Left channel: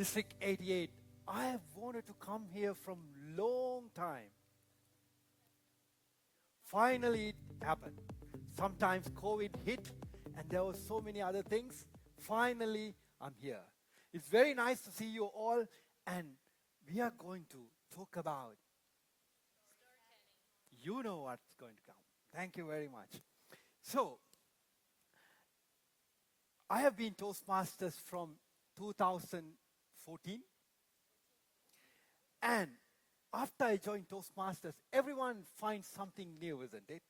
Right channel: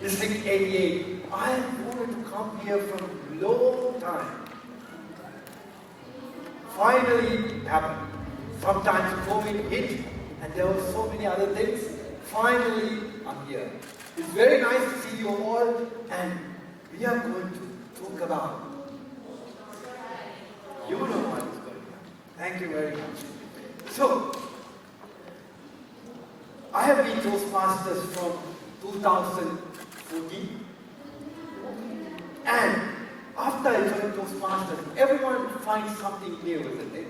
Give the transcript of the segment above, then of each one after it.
District 88. I wanted to come here for a long time. Finally it happened. Sometimes COVID hit, and there were so many other things. Finally, I'm here. It's very nice to see you all, and we are going to talk about. You know what is going on. Thank you very much. So, I have been Toastmasters from 2014, and after I joined Toastmasters, everyone finds something here with it.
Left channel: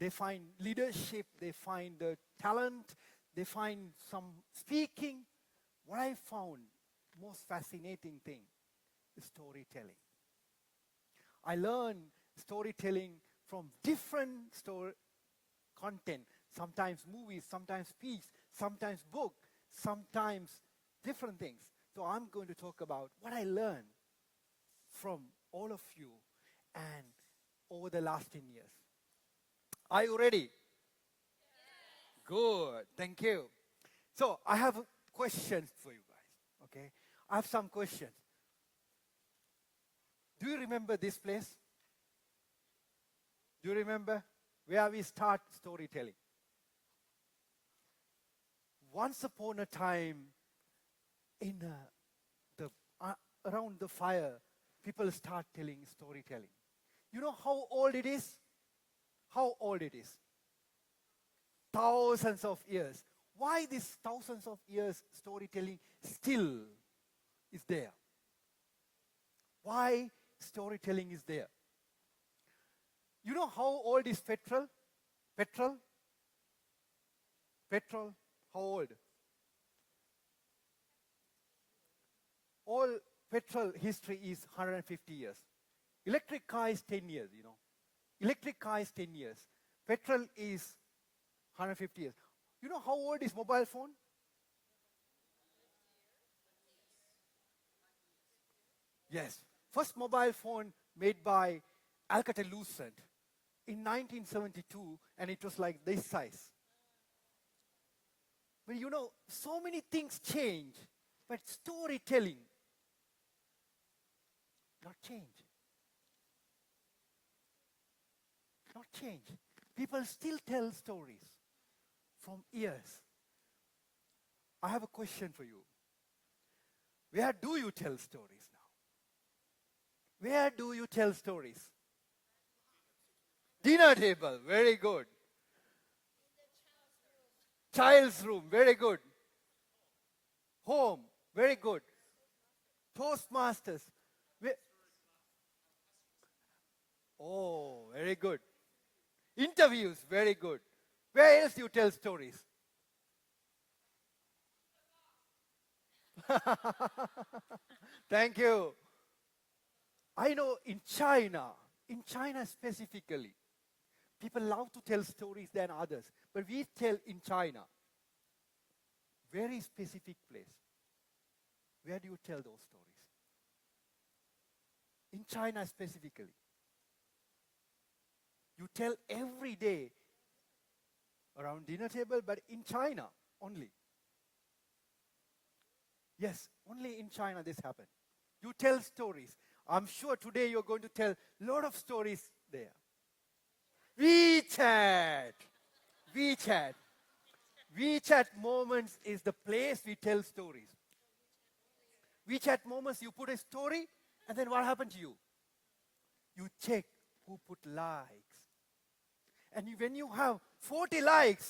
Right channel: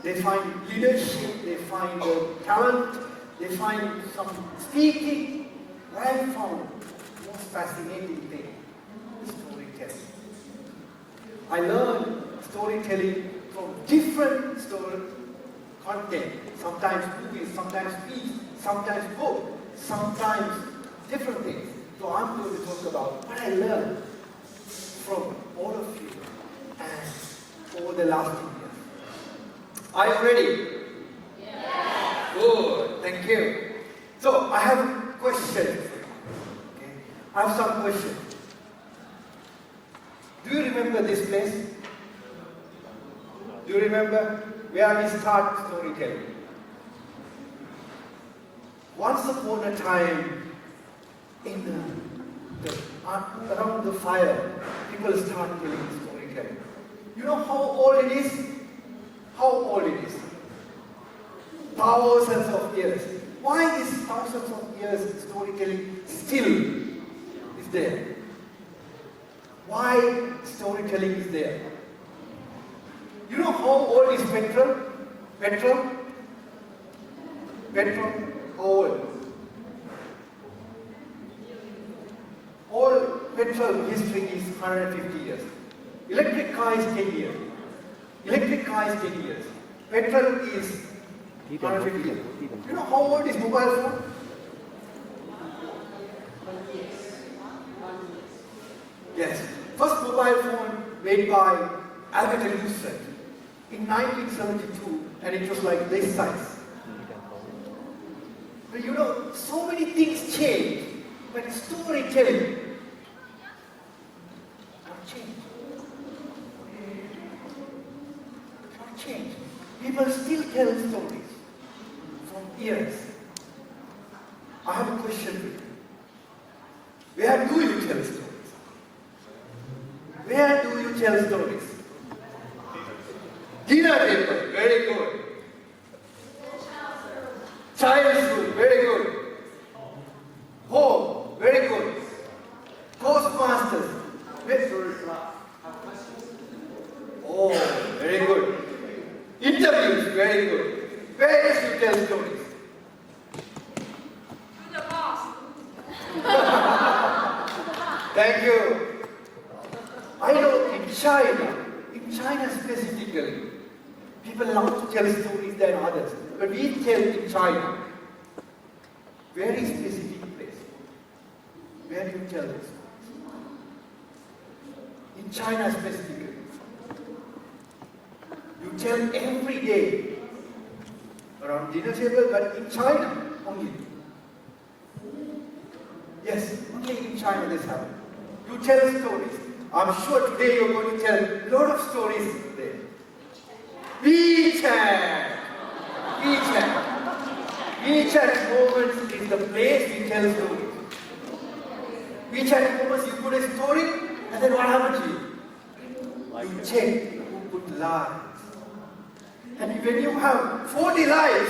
They find leadership, they find talent, they find some speaking. I found the most fascinating thing, storytelling. I learned storytelling from different story content, sometimes movies, sometimes speech, sometimes book, sometimes different things. So I'm going to talk about what I learned from all of you and over the last 2 years. Are you ready? Yeah. Good, thank you. So I have questions. Okay. I have some questions. Do you remember this place? Do you remember where we start storytelling? Once upon a time, around the fire, people start telling storytelling. You know how old it is? How old it is? Thousands of years. Why this thousands of years storytelling still is there? Why storytelling is there? You know how old is petrol? Petrol? Petrol? How old? All petrol history is 150 years. Electric car is 10 years. Electric car is 10 years. Petrol is 150 years. You know how old is mobile phone? Yes. First mobile phone made by Albert Einstein in 1972, and it was like this size. But you know, so many things change, but storytelling not change. Not change. People still tell stories from years. I have a question for you. Where do you tell stories? Where do you tell stories? Dinner table, very good. Childhood, very good. Home, very good. Toastmasters, very good. Oh, very good. Interviews, very good. Where does you tell stories? To the boss. Thank you. I know in China specifically, people love to tell stories than others. But we tell in China, very specific place, where you tell this. In China specifically, you tell every day around dinner table, but in China only. Yes, only in China this happens. You tell stories. I'm sure today you're going to tell a lot of stories there. WeChat! WeChat! WeChat moments is the place we tell stories. WeChat moments, you put a story, and then what happens to you? You check who put lies. And when you have 40 lies,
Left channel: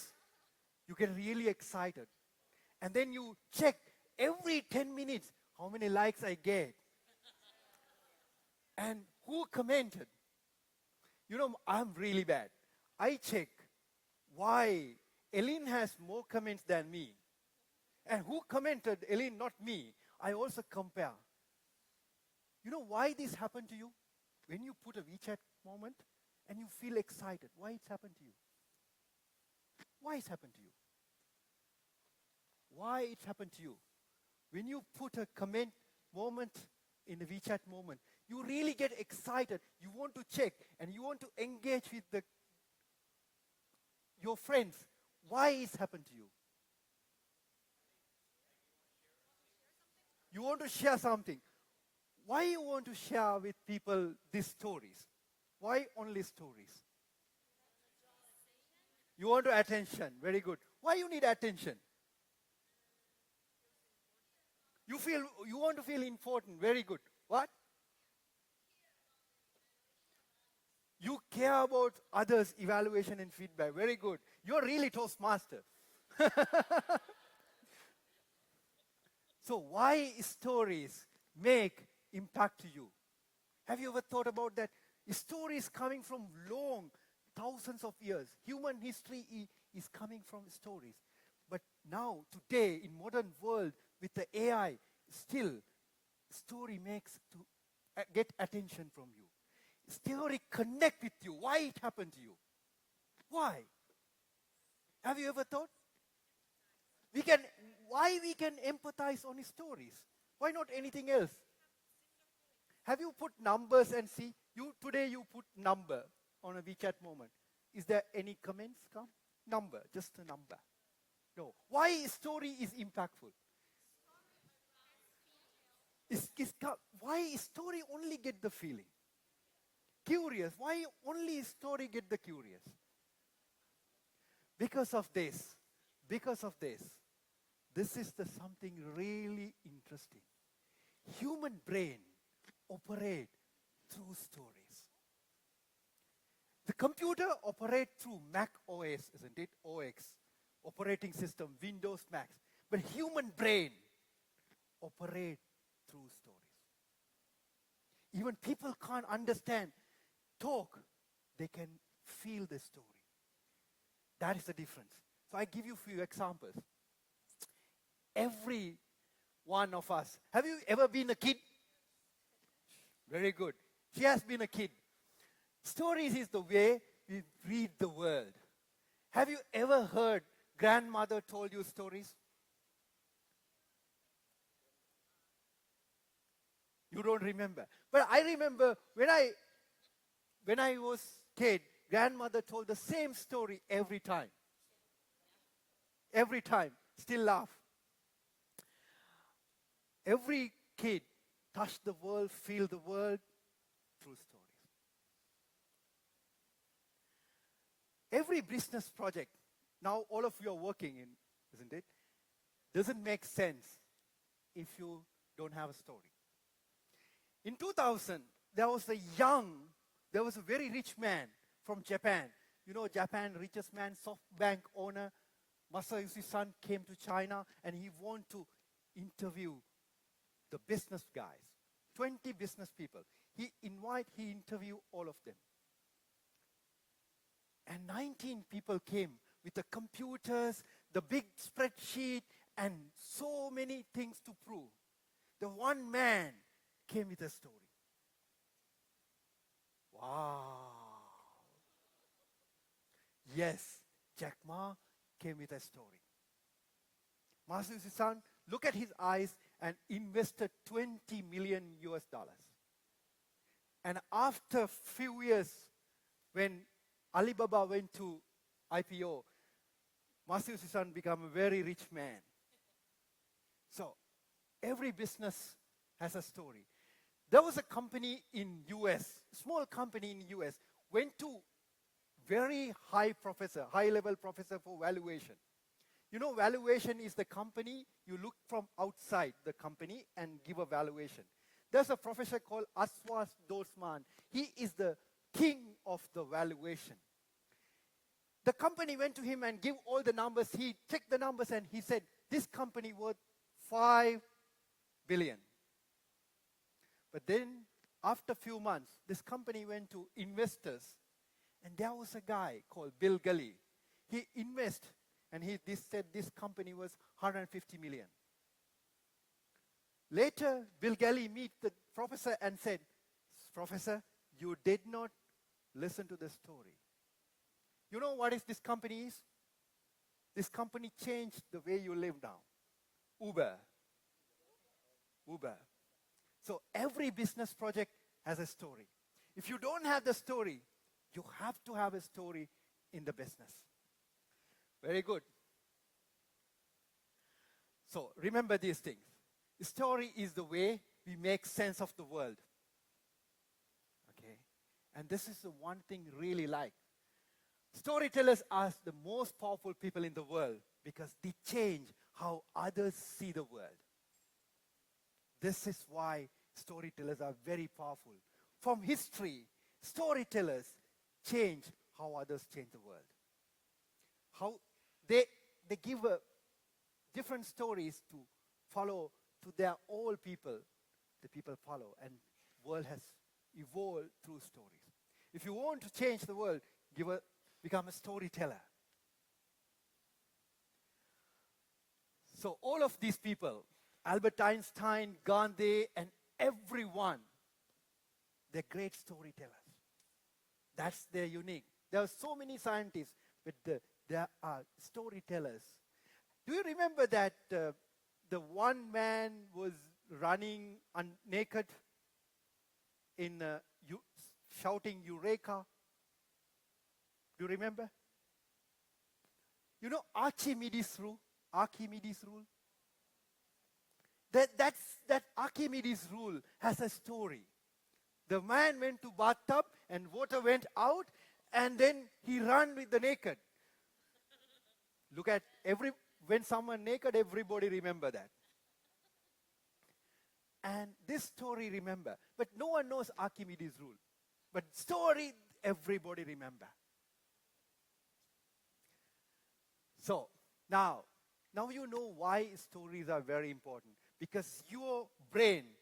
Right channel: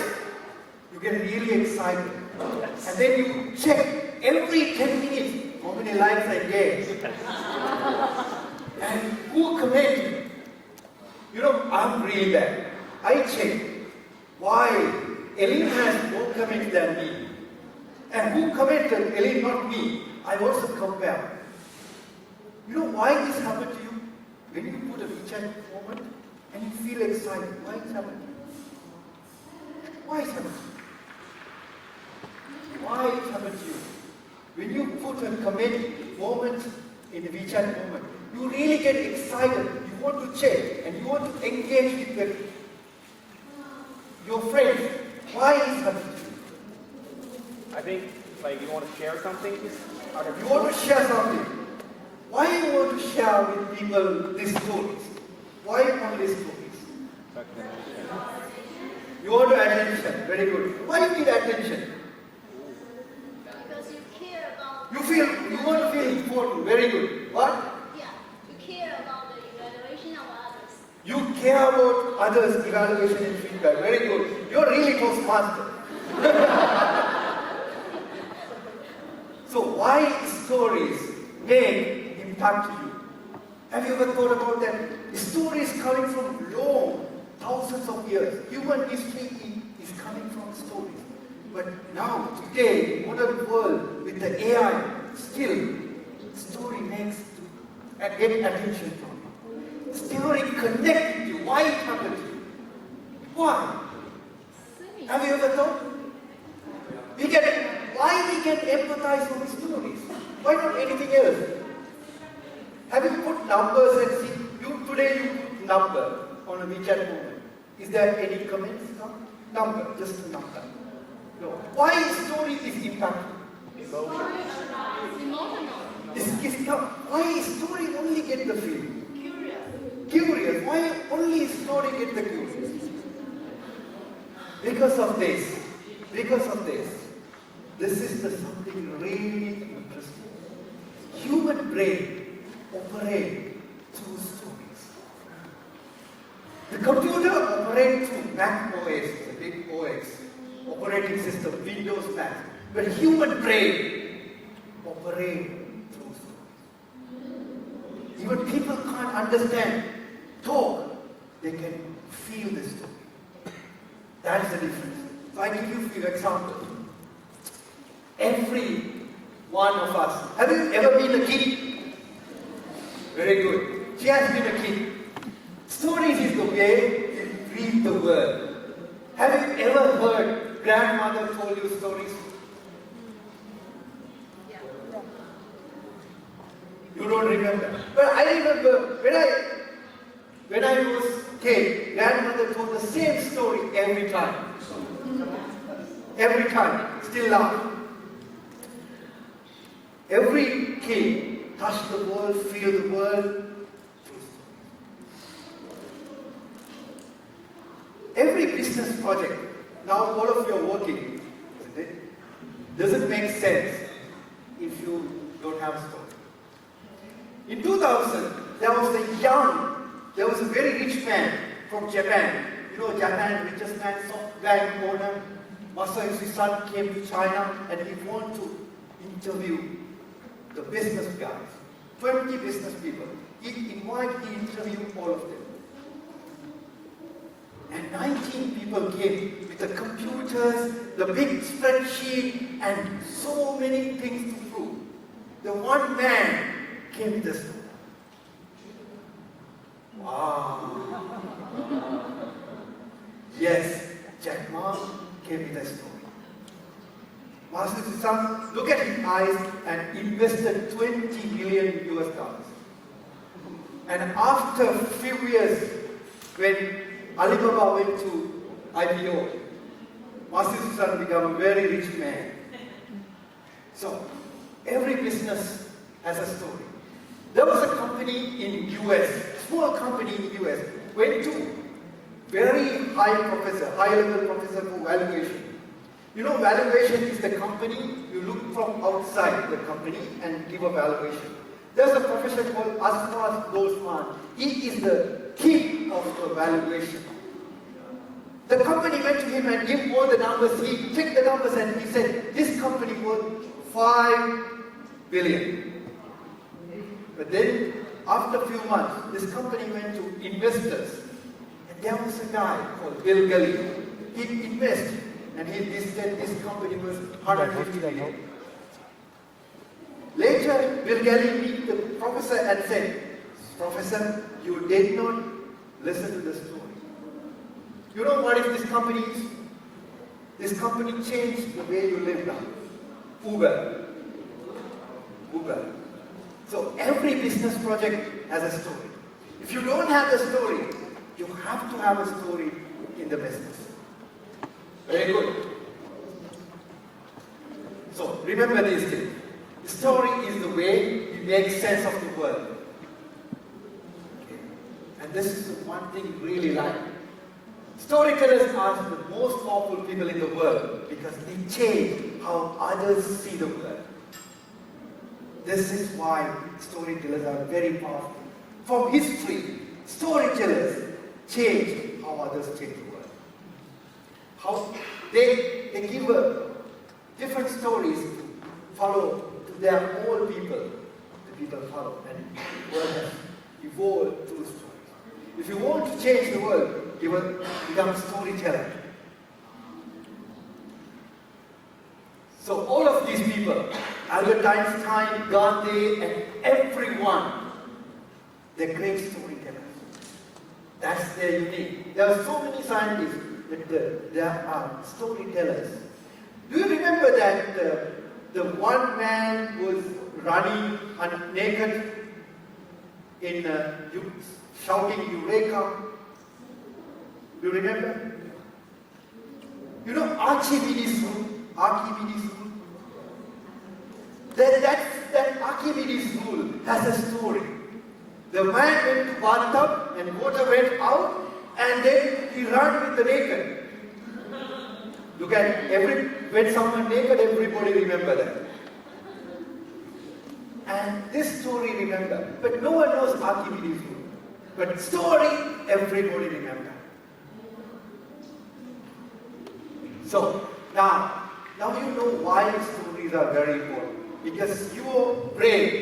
you get really excited. And then you check every 10 minutes how many lies I gave. And who commented? You know, I'm really bad. I check why Ellen has more comments than me. And who commented Ellen, not me? I also compare. You know why this happened to you? When you put a WeChat moment and you feel excited, why is it happening? Why is it happening? Why it happened to you? When you put a comment moment in the WeChat moment, you really get excited. You want to check and you want to engage with your friends. Why is it happening to you? I think Like you want to share something? You want to share something. Why you want to share with people these stories? Why only stories? You want attention. Very good. Why you need attention? Because you care about. You want to feel important. Very good. What? Yeah, you care about the evaluation of others. You care about others' evaluation and feedback. Very good. You're really Toastmaster. So why stories make impact you? Have you ever thought about that? The story is coming from long, thousands of years. Human history is coming from stories. But now, today, modern world, with the AI, still, story makes get attention from you. Story connect with you. Why it happened to you? Why? Have you ever thought? Why we can empathize with stories? Why not anything else? Have you put numbers and see? Today you put number on a WeChat moment. Is there any comments? No? Number, just a number. No. Why story is impactful? Emotional. Why story only get the feeling? Curious. Why only story get the curious? Because of this. This is something really interesting. Human brain operates through stories. The computer operates through Mac OS, the big OS, operating system, Windows Mac. But human brain operates through stories. Even people can't understand talk, they can feel the story. That's the difference. I give you a few examples. Every one of us. Have you ever been a kid? Very good. She has been a kid. Stories is the way we read the world. Have you ever heard grandmother told you stories? Yeah. You don't remember. But I remember when I was 10, grandmother told the same story every time. Every time. Still laugh. Every kid touch the world, feel the world. Every business project, now all of you are working, isn't it? Doesn't make sense if you don't have story. In 2000, there was a very rich man from Japan. You know Japan, richest man, bank owner. His son came to China and he wanted to interview the business guys, 20 business people. He interviewed all of them. And 19 people came with the computers, the big spreadsheet, and so many things to prove. The one man came with the story. Wow. Yes, Jack Ma came with the story. Master Sam, look at his eyes and invested 20 million US dollars. And after a few years, when Alibaba went to IPO, Master Sam became a very rich man. So, every business has a story. There was a company in US, small company in US, went to very high-level professor for valuation. You know, valuation is the company, you look from outside the company and give a valuation. There's a professor called Asmas Goldsman. He is the king of the valuation. The company went to him and gave him all the numbers. He checked the numbers and he said, this company worth 5 billion. But then, after a few months, this company went to investors. And there was a guy called Bill Gelly. He invested. And he said this company was 150 million. Later, Bill Gelly met the professor and said, Professor, you did not listen to the story. You know what is this company is? This company changed the way you live now. Uber. So every business project has a story. If you don't have a story, you have to have a story in the business. Very good. So remember these things. Story is the way you make sense of the world. Okay. And this is the one thing we really like. Storytellers are the most powerful people in the world because they change how others see the world. This is why storytellers are very powerful. From history, storytellers change how others change the world. How they give different stories to follow to their own people. The people follow, and the world has evolved through stories. If you want to change the world, you will become a storyteller. So all of these people, Albert Einstein, Gandhi, and everyone, they're great storytellers. That's their unique. There are so many scientists that there are storytellers. Do you remember that the one man was running naked in shouting Eureka? Do you remember? You know Archimedes rule? That Archimedes rule has a story. The man went to bathtub and water went out and then he ran with the naked. Look at when someone naked, everybody remember that. And this story remember, but no one knows Archimedes rule. But story, everybody remember. So now you know why stories are very important. Because your brain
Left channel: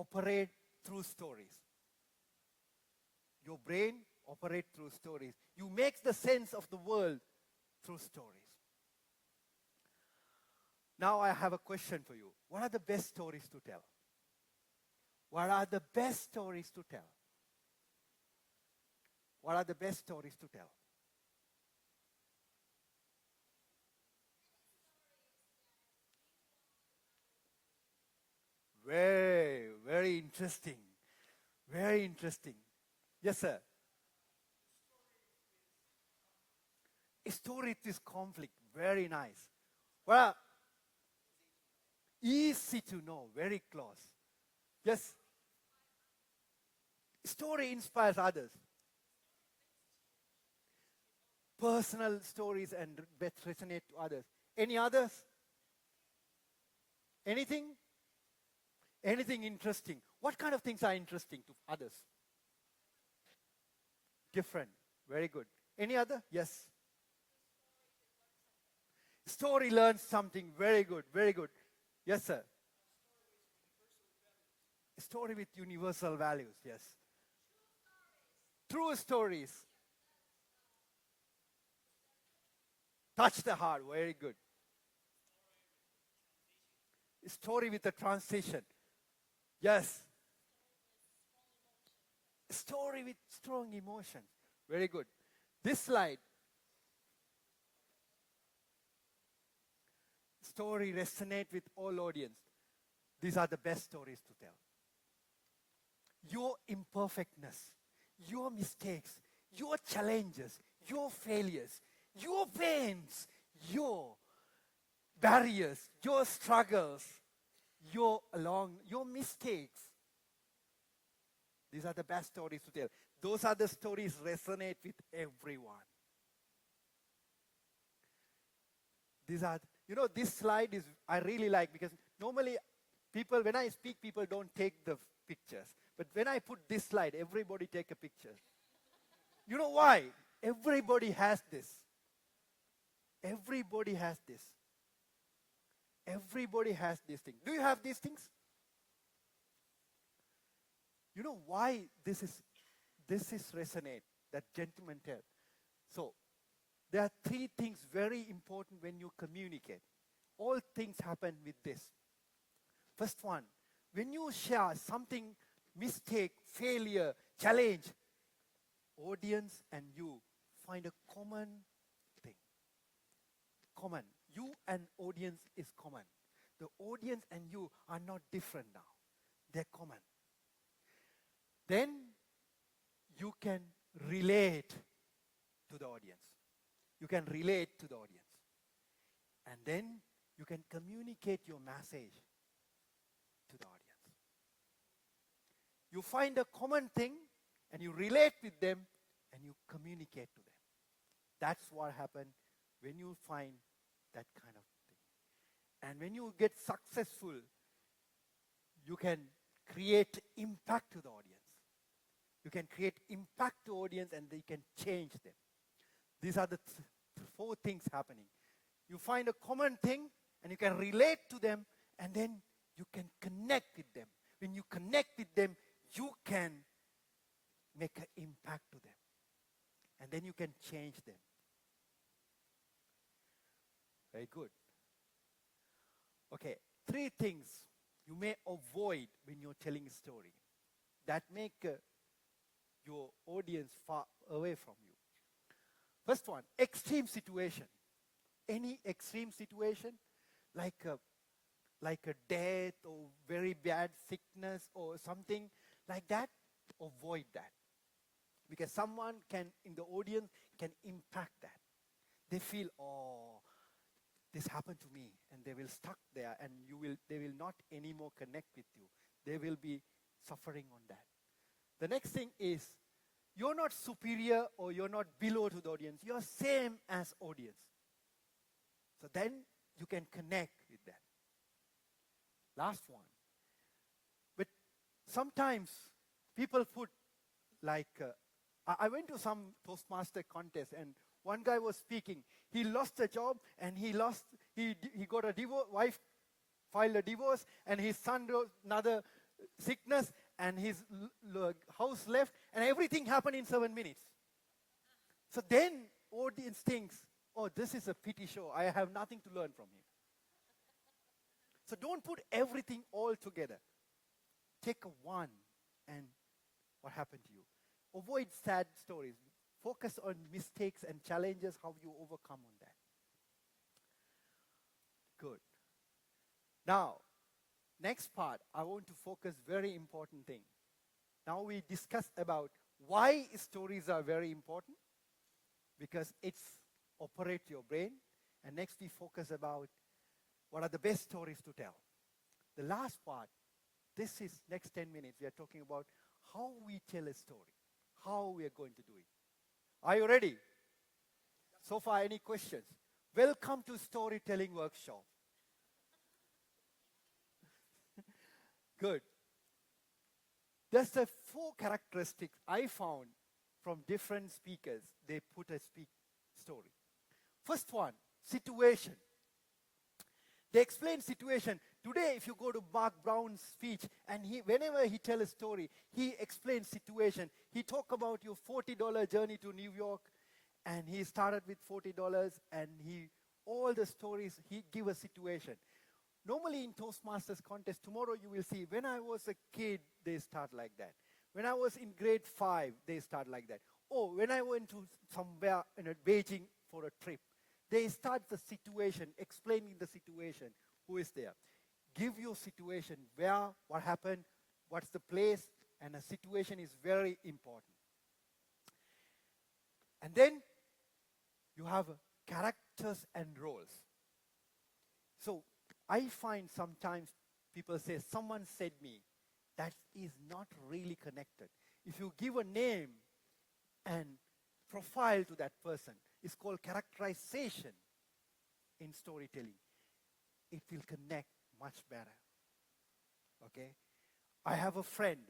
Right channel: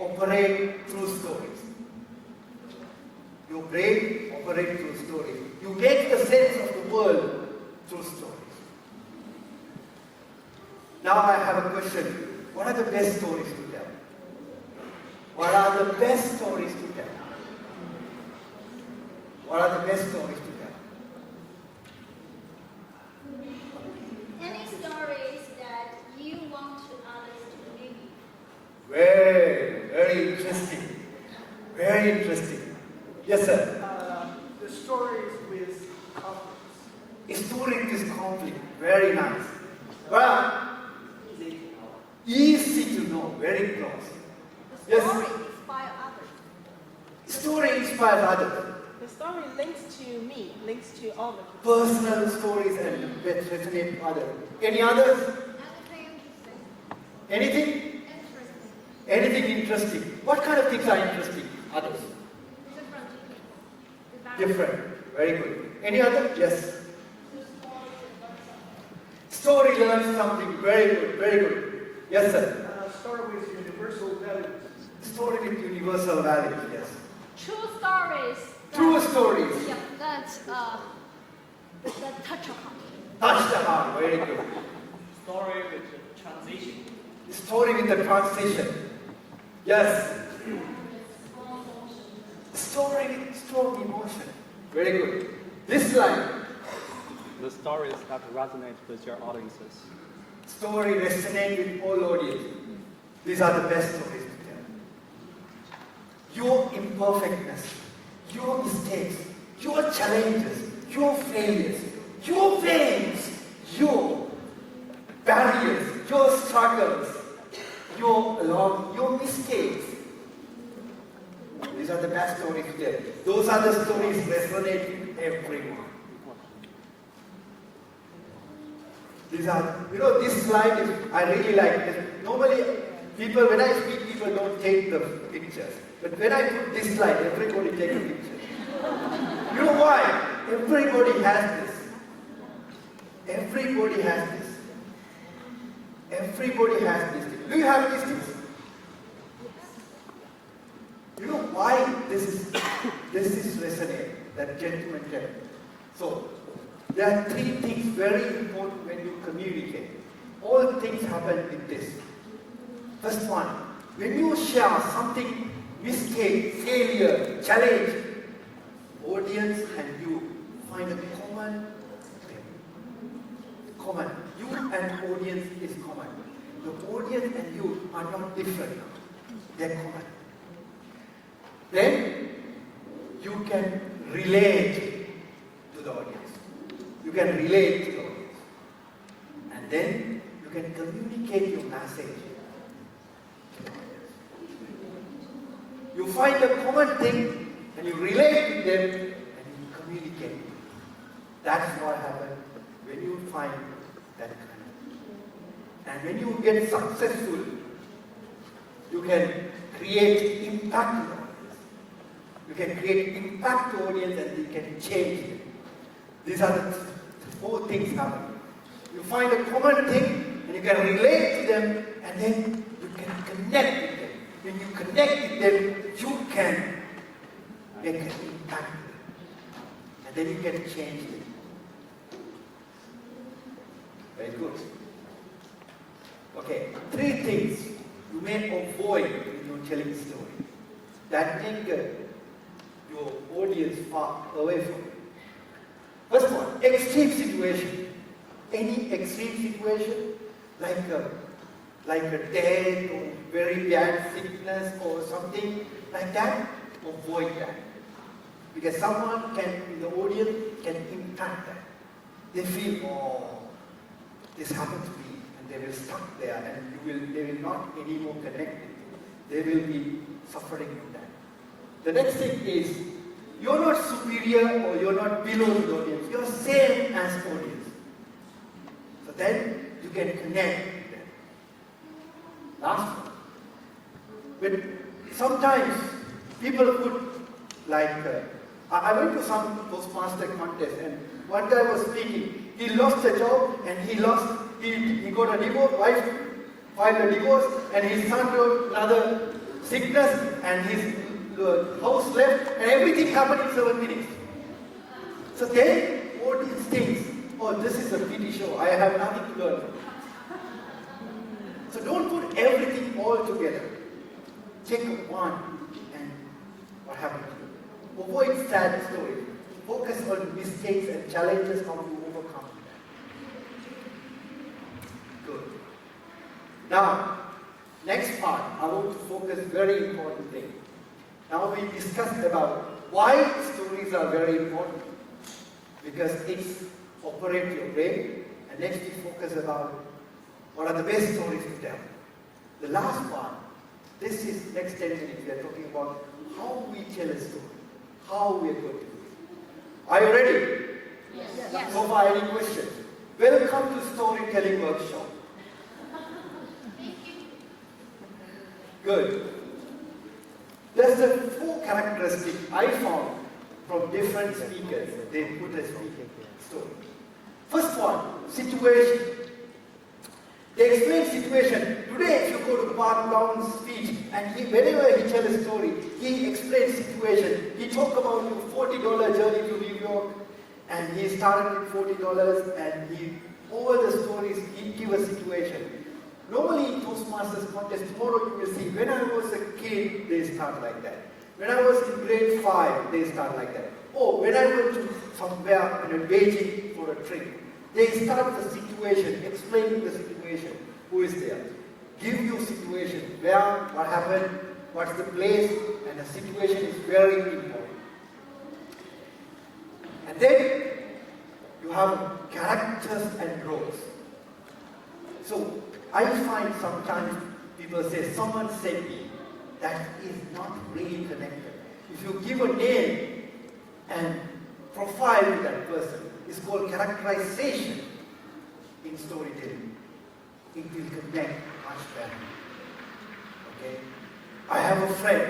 operates through stories. Your brain operates through stories. You make the sense of the world through stories. Now I have a question. What are the best stories to tell? What are the best stories to tell? What are the best stories to tell? Any stories that you want others to believe? Very interesting. Very interesting. Yes, sir. The stories with conflicts. A story with conflict. Very nice. Well, easy to know. Very close. The story inspires others. Story inspires others. The story links to me, links to all the people. Personal stories and that resonate with others. Any others? Anything? Anything interesting. What kind of things are interesting? Others. Different. Very good. Any other? Yes. Story learns something. Very good. Very good. Yes, sir. Story with universal values. Story with universal values. Yes. True stories. True stories. Yeah, that touch your heart. Touch the heart. Very good. Story with the transition. Story with the transition. Yes. Story with strong emotion. Very good. This line. The stories that resonate with your audiences. Story resonate with all audience. These are the best stories to tell. Your imperfectness, your mistakes, your challenges, your failures, your pains, your barriers, your struggles, your mistakes. These are the best stories to tell. Those are the stories resonate with everyone. These are, this slide is, I really like it. Normally, when I speak, people don't take the pictures. But when I put this slide, everybody takes a picture. You know why? Everybody has this. Everybody has this. Everybody has this. Do you have these things? You know why this is resonate, that gentleman tell. So, there are three things very important when you communicate. All things happen with this. First one, when you share something, mistake, failure, challenge, audience and you find a common thing. Common. You and audience is common. The audience and you are not different. They're common. Then you can relate to the audience. You can relate to the audience. And then you can communicate your find a common thing and you relate to them and you communicate. That's what happens when you find that kind of. And when you get successful, you can create impact to the audience. You can create impact to the audience and you can change it. These are the four things happening. You find a common thing and you can relate to them and then you can connect with them. When you connect with them, you can make an impact to them. And then you can change them. Very good. Okay, three things you may avoid when you're telling stories that make your audience far away from you. First one, extreme situation. Any extreme situation, like a death or very bad sickness or something like that, avoid that. Because someone in the audience can impact that. They feel, oh, this happened to me, and they will stuck there, and they will not anymore connect with you. They will be suffering with that. The next thing is, you're not superior or you're not below the audience. You're same as audience. So then you can connect with them. Last one. But sometimes people put I went to some Toastmaster contest and one guy was speaking. He lost a job and he got a divorce, wife filed a divorce, and his son got another sickness and his house left, and everything happened in 7 minutes. So then, all these things, oh, this is a TV show, I have nothing to learn. So don't put everything all together. Take one and what happened to you. Avoid sad stories. Focus on mistakes and challenges, how to overcome them. Good. Now, next part, I want to focus very important thing. Now we discussed about why stories are very important. Because it's operate your brain, and next we focus about what are the best stories to tell. The last part, this is next 10 minutes, we are talking about how we tell a story, how we are going to do it. Are you ready? Yes. So far, any questions? Welcome to Storytelling Workshop. Thank you. Good. There's a 4 characteristics I found from different speakers. They put a speaking story. First one, situation. They explain situation. Today, if you go to Mark Brown's speech, and whenever he tells a story, he explains situation. He talks about your $40 journey to New York, and he started with $40, and all the stories, he gives a situation. Normally in Toastmasters contest, tomorrow you will see, when I was a kid, they start like that. When I was in grade 5, they start like that. Oh, when I went to somewhere in Beijing for a trip, they start the situation, explaining the situation, who is there. Give you situation, where, what happened, what's the place, and the situation is very important. And then, you have characters and roles. So, I find sometimes people say, someone said me, that is not really connected. If you give a name and profile to that person, it's called characterization in storytelling. It will connect much better. Okay? I have a friend,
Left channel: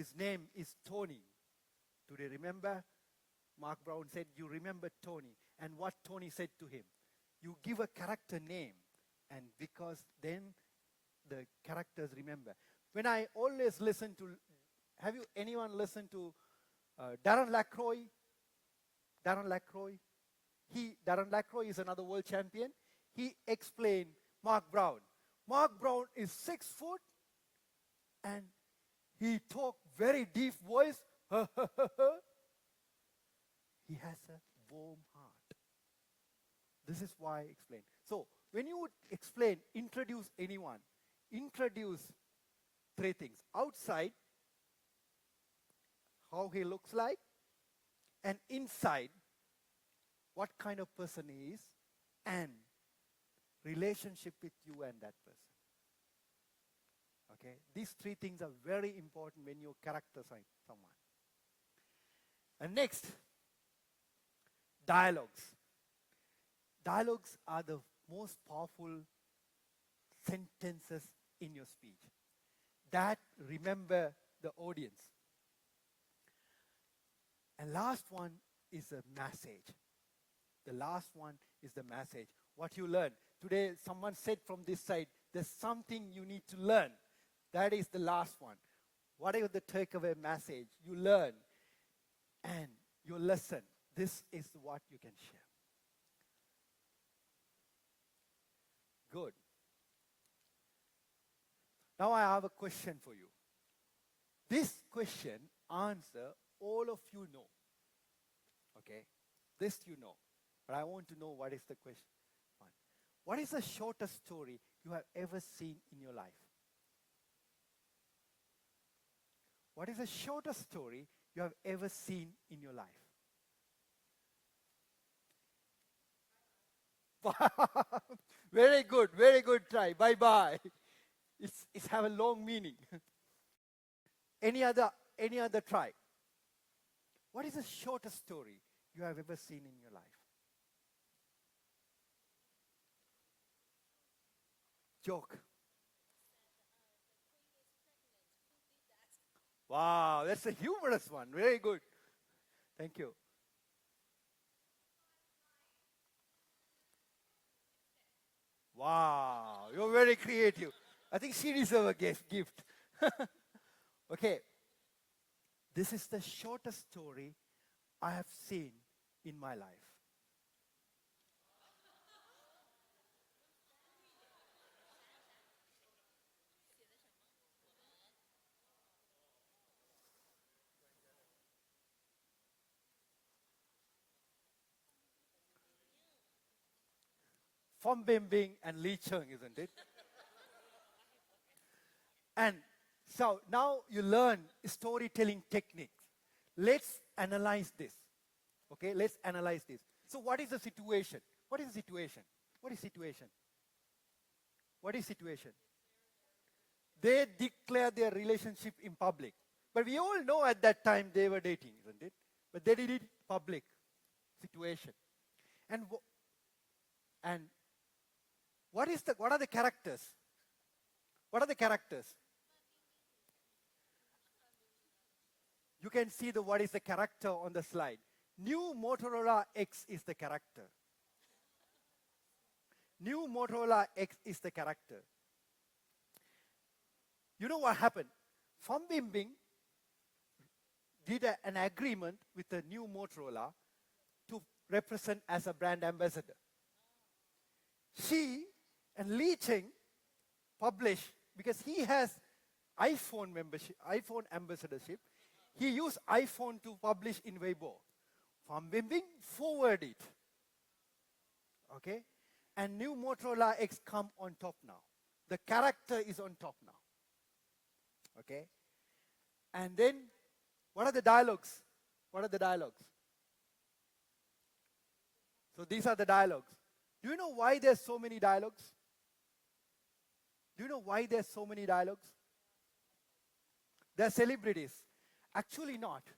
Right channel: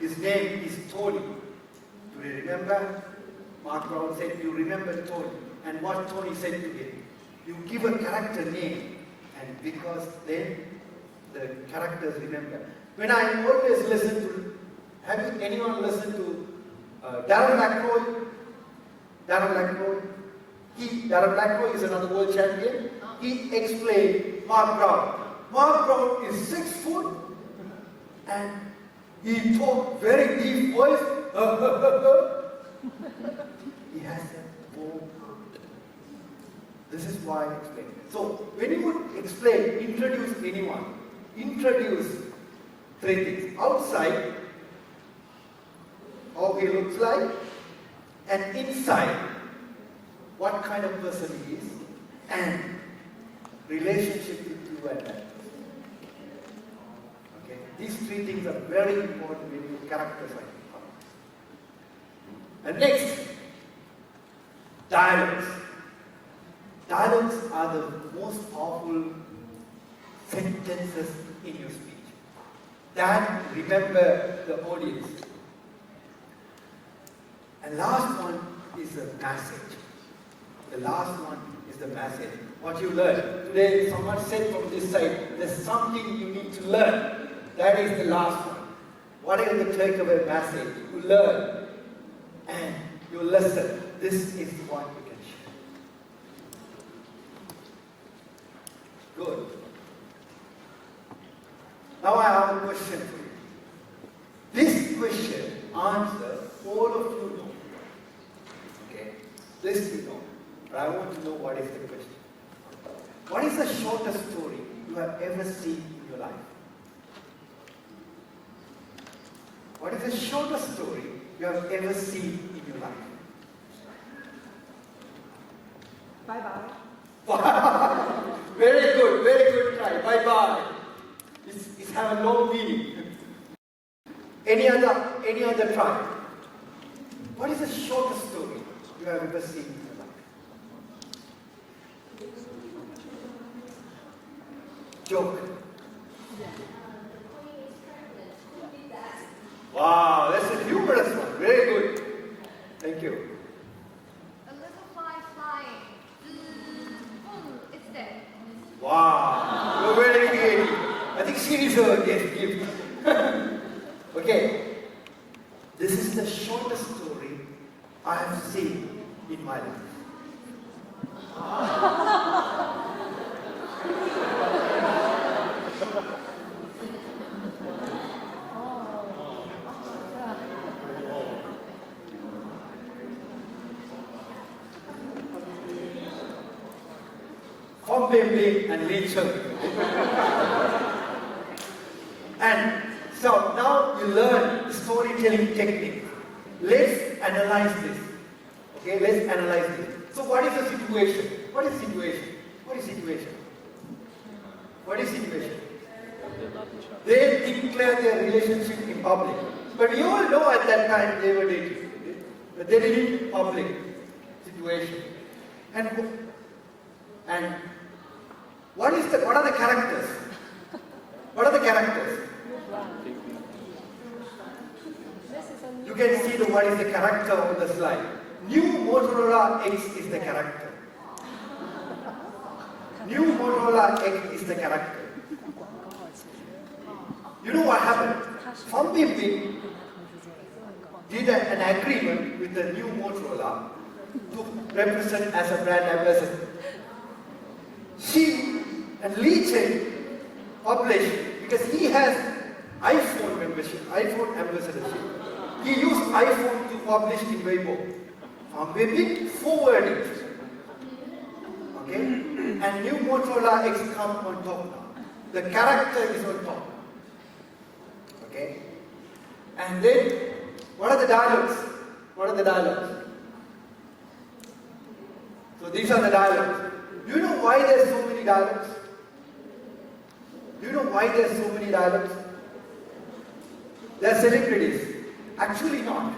his name is Tony. Do you remember? Mark Brown said, you remember Tony. And what Tony said to him, you give a character name, and because then the characters remember. When I always listen to, have anyone listened to Darren Ackroyd? Darren Ackroyd? Darren Ackroyd is another world champion. He explained Mark Brown. Mark Brown is 6 foot and he talked very deep voice. He has a full arm. This is why I explain. So when you explain, introduce anyone, introduce 3 things. Outside, how he looks like, and inside, what kind of person he is, and relationship with you and that person. Okay? These three things are very important when you characterize people. And next, dialogues. Dialogues are the most powerful sentences in your speech that remember the audience. And last one is the message. The last one is the message. What you learn. Today, someone said from this side, there's something you need to learn. That is the last one. What is the takeaway message? You learn and you listen. This is what you can share. Good. Now I have a question for you. This question answer all of you know. Okay? This you know. But I want to know what is the question. What is the shortest story you have ever seen in your life? What is the shortest story you have ever seen in your life? Bye-bye. Very good try. Bye-bye. It's have a long meaning. Any other try? What is the shortest story you have ever seen in your life? Joke. Wow, that's a humorous one. Very good. Thank you. A little fly flying. Boom, it's dead. Wow, you're very creative. I think she is a gift. Okay. This is the shortest story I have seen in my life. From Baby and Rachel. And so now you learn storytelling technique. Let's analyze this. Okay, let's analyze this. So what is the situation? What is situation? What is situation? What is situation? They declare their relationship in public. But you all know at that time they were dating. But they did it in public situation. And what are the characters? What are the characters? You can see what is the character on the slide. New Motorola X is the character. New Motorola X is the character. You know what happened? Something did an agreement with the new Motorola to represent as a brand ambassador. She and Lee Chen published, because he has iPhone membership, iPhone ambassadorship. He used iPhone to publish in Weibo. Maybe forwarding. Okay? And new Motorola X come on top now. The character is on top. Okay? And then, what are the dialogues? What are the dialogues? So these are the dialogues. Do you know why there are so many dialogues? Do you know why there are so many dialogues? They are celebrities. Actually not.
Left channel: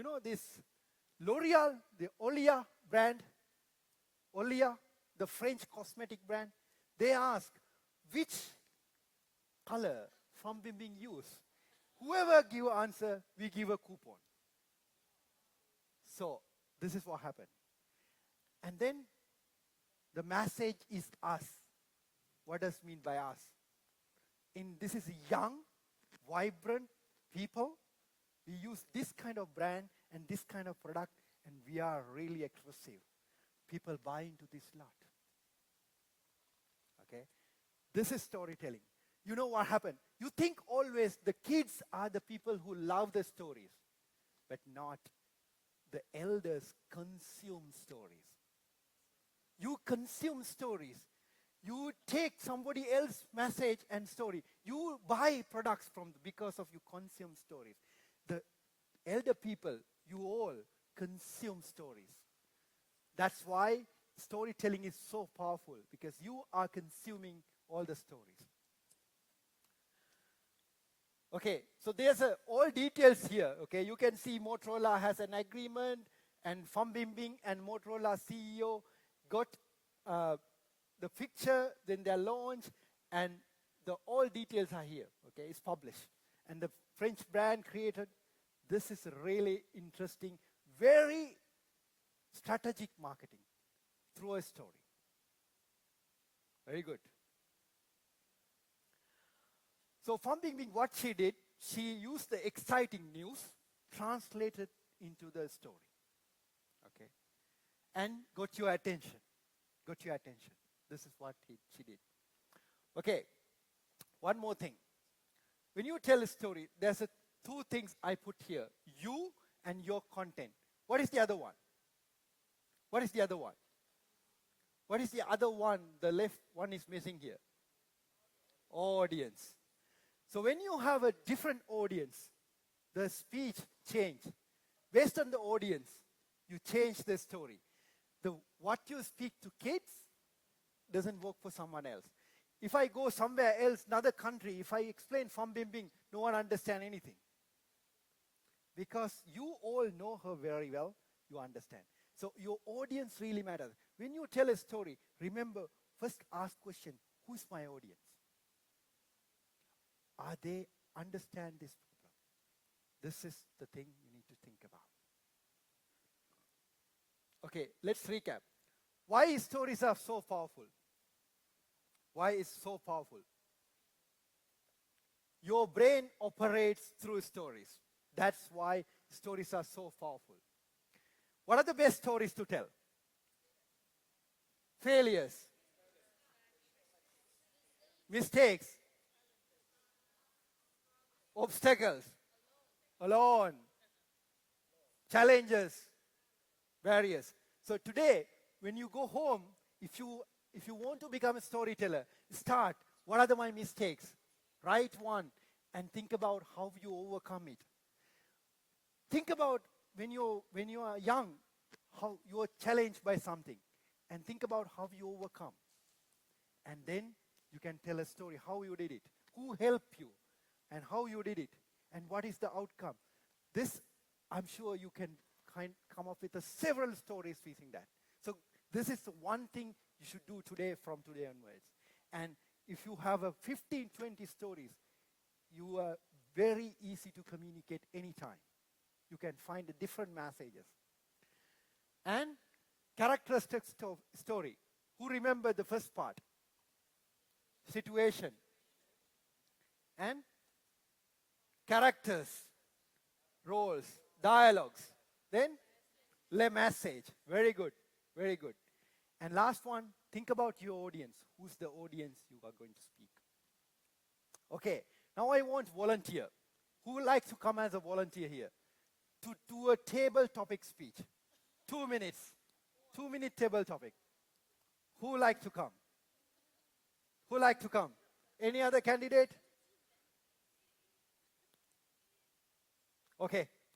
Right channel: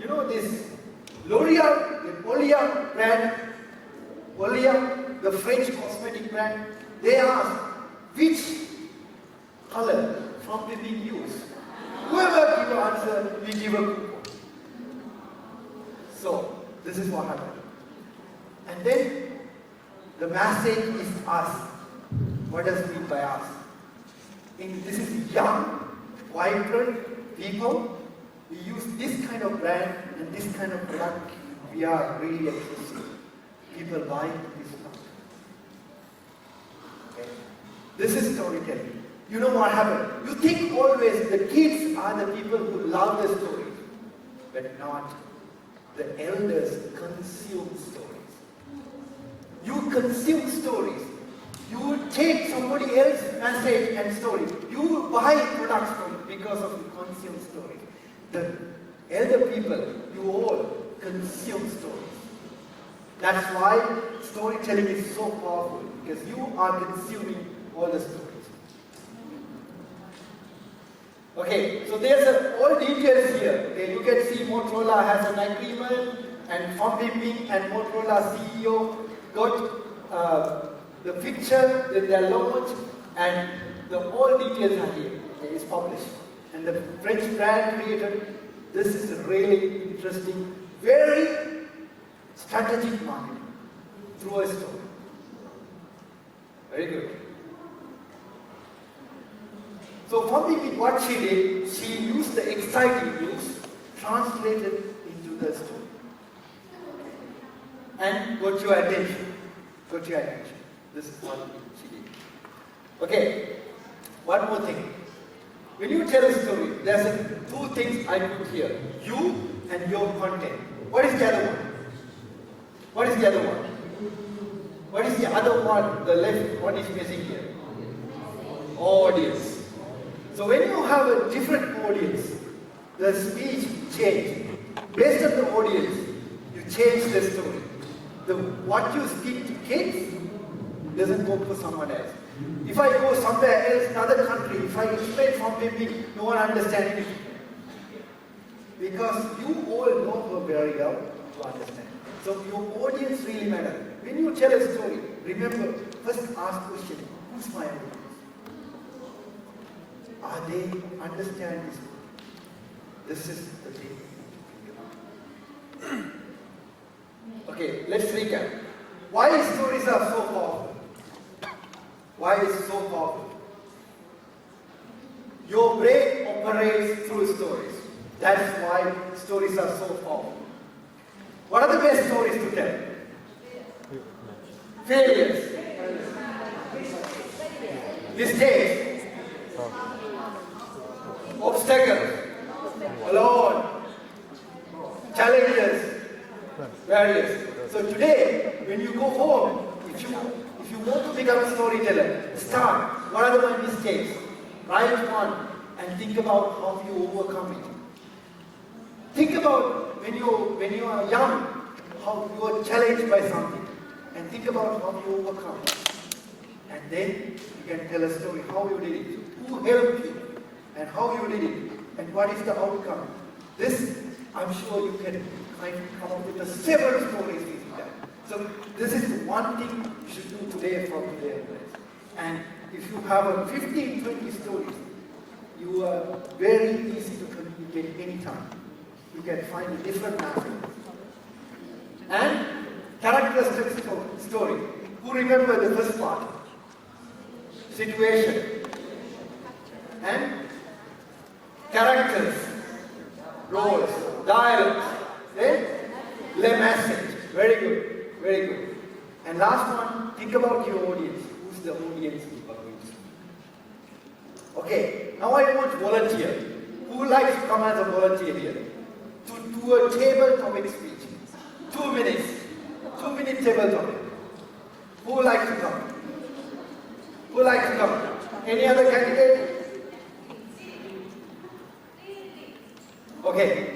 You know this L'Oreal, the Olia brand, Olia, the French cosmetic brand, they ask which color from the being used. Whoever gives answer, we give a coupon. So, this is what happened. And then, the message is us. What does it mean by us? This is young, vibrant people. We use this kind of brand and this kind of brand. We are really exclusive. People buy this stuff. Okay. This is storytelling. You know what happened? You think always the kids are the people who love the stories, but not. The elders consume stories. You consume stories. You take somebody else's message and story. You buy products from because of you consume stories. The elder people, you all consume stories. That's why storytelling is so powerful, because you are consuming all the stories. Okay, so there's all details here. Okay, you can see Motorola has an agreement, and Fong Ping and Motorola CEO got the picture in their launch, and all details are here. Okay, it's published. And the French brand created. This is a really interesting, very strategic marketing through a story. Very good. So for me, what she did, she used the exciting news, translated into the story. And got your attention. Got your attention. This is what she did. Okay, one more thing. When you tell a story, there's two things I put here. You and your content. What is the other one? What is the other one? What is the other one, the left, what is missing here? Audience. So when you have a different audience, the speech changes. Based on the audience, you change the story. What you speak to kids doesn't go to someone else. If I go somewhere else, another country, if I explain from maybe no one understands it. Because you all know her very well to understand. So your audience really matters. When you tell a story, remember, first ask question, who's my audience? Are they understand this? This is the thing. Okay, let's recap. Why stories are so powerful? Why is it so powerful? Your brain operates through stories. That's why stories are so powerful. What are the best stories to tell? Failures. Mistakes. Obstacles. Alone. Challenges. Various. So today, when you go home, if you want to become a storyteller, start. What are my mistakes? Write one and think about how you overcome it. Think about when you are young, how you are challenged by something, and think about how you overcome it. And then you can tell a story how you did it, who helped you, and how you did it, and what is the outcome. This, I'm sure you can come up with several stories with that. So this is one thing you should do today for today. And if you have 15, 20 stories, you are very easy to communicate anytime. You can find a different method. And characteristic story. Who remember the first part? Situation. And characters, roles, dialogues. Then the message. Very good. Very good. And last one, think about your audience. Who's the audience you are going to? Okay, now I want volunteer. Who likes to come as a volunteer here? To do a table topic speech. 2 minutes. 2 minute table topic. Who likes to come? Who likes to come? Any other candidate? Okay.